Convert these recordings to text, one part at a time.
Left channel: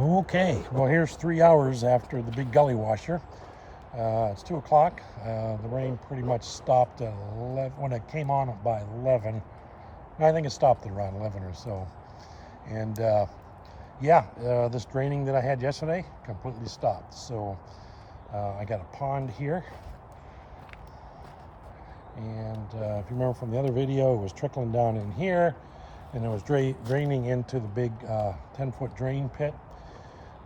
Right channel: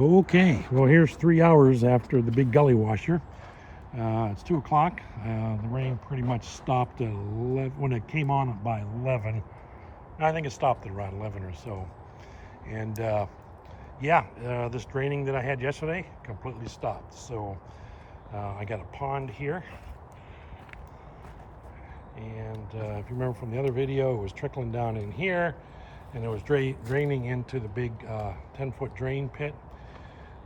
Okay, well here's 3 hours after the big gully washer. It's 2 o'clock. The rain pretty much stopped at 11, when it came on by 11. I think it stopped at around 11 or so. And this draining that I had yesterday completely stopped. So I got a pond here. And if you remember from the other video, it was trickling down in here. And it was draining into the big 10-foot drain pit.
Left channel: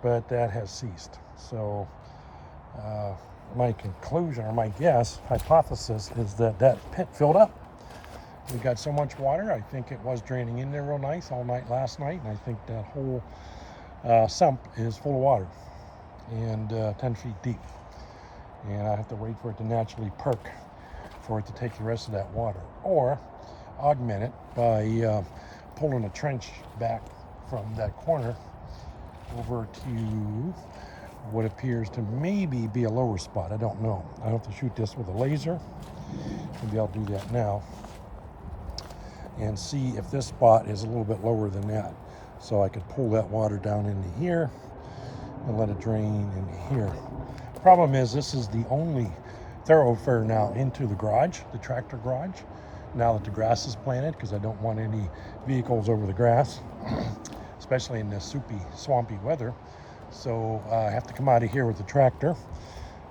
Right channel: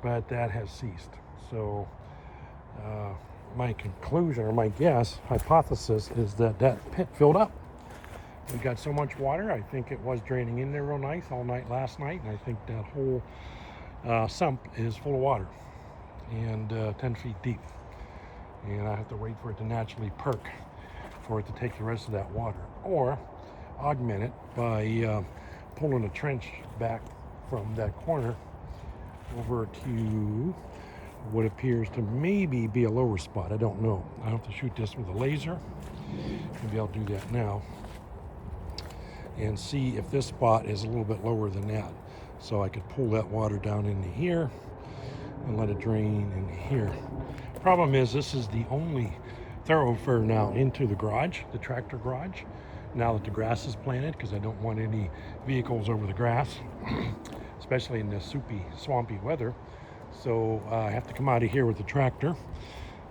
But that has ceased. So my conclusion, or my guess, hypothesis, is that pit filled up. We got so much water, I think it was draining in there real nice all night last night, and I think that whole sump is full of water and 10 feet deep. And I have to wait for it to naturally perk for it to take the rest of that water, or augment it by pulling a trench back from that corner over to what appears to maybe be a lower spot. I don't know. I have to shoot this with a laser. Maybe I'll do that now and see if this spot is a little bit lower than that, so I could pull that water down into here and let it drain in here. Problem is, this is the only thoroughfare now into the garage, the tractor garage, now that the grass is planted, because I don't want any vehicles over the grass especially in this soupy, swampy weather. So I have to come out of here with the tractor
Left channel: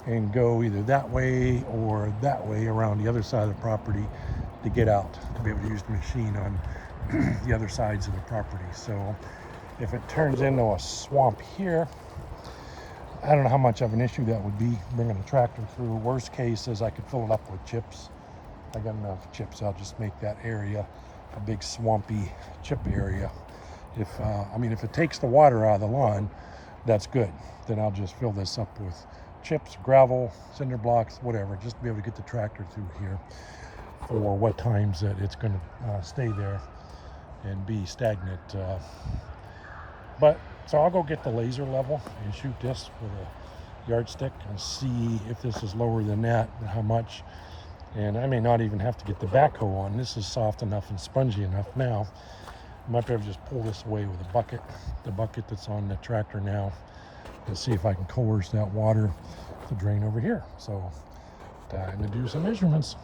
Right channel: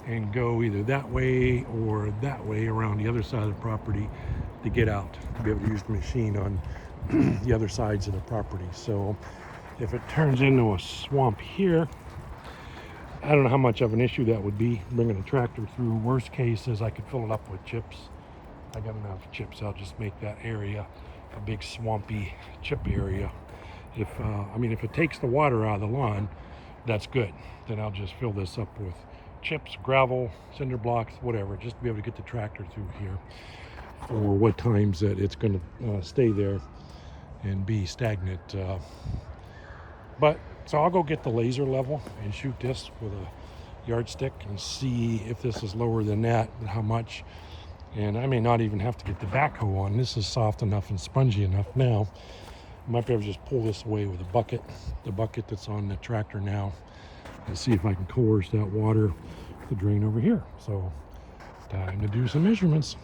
and go either that way or that way around the other side of the property to get out, to be able to use the machine on the other sides of the property. So if it turns into a swamp here, I don't know how much of an issue that would be, bringing the tractor through. Worst case is I could fill it up with chips. I got enough chips. I'll just make that area a big swampy chip area. If it takes the water out of the lawn, that's good. Then I'll just fill this up with chips, gravel, cinder blocks, whatever, just to be able to get the tractor through here for what times that it's going to stay there and be stagnant. So I'll go get the laser level and shoot this with a yardstick and see if this is lower than that and how much. And I may not even have to get the backhoe on. This is soft enough and spongy enough now. I might be able to just pull this away with a bucket, the bucket that's on the tractor now, and see if I can coerce that water to drain over here. So time to do some measurements.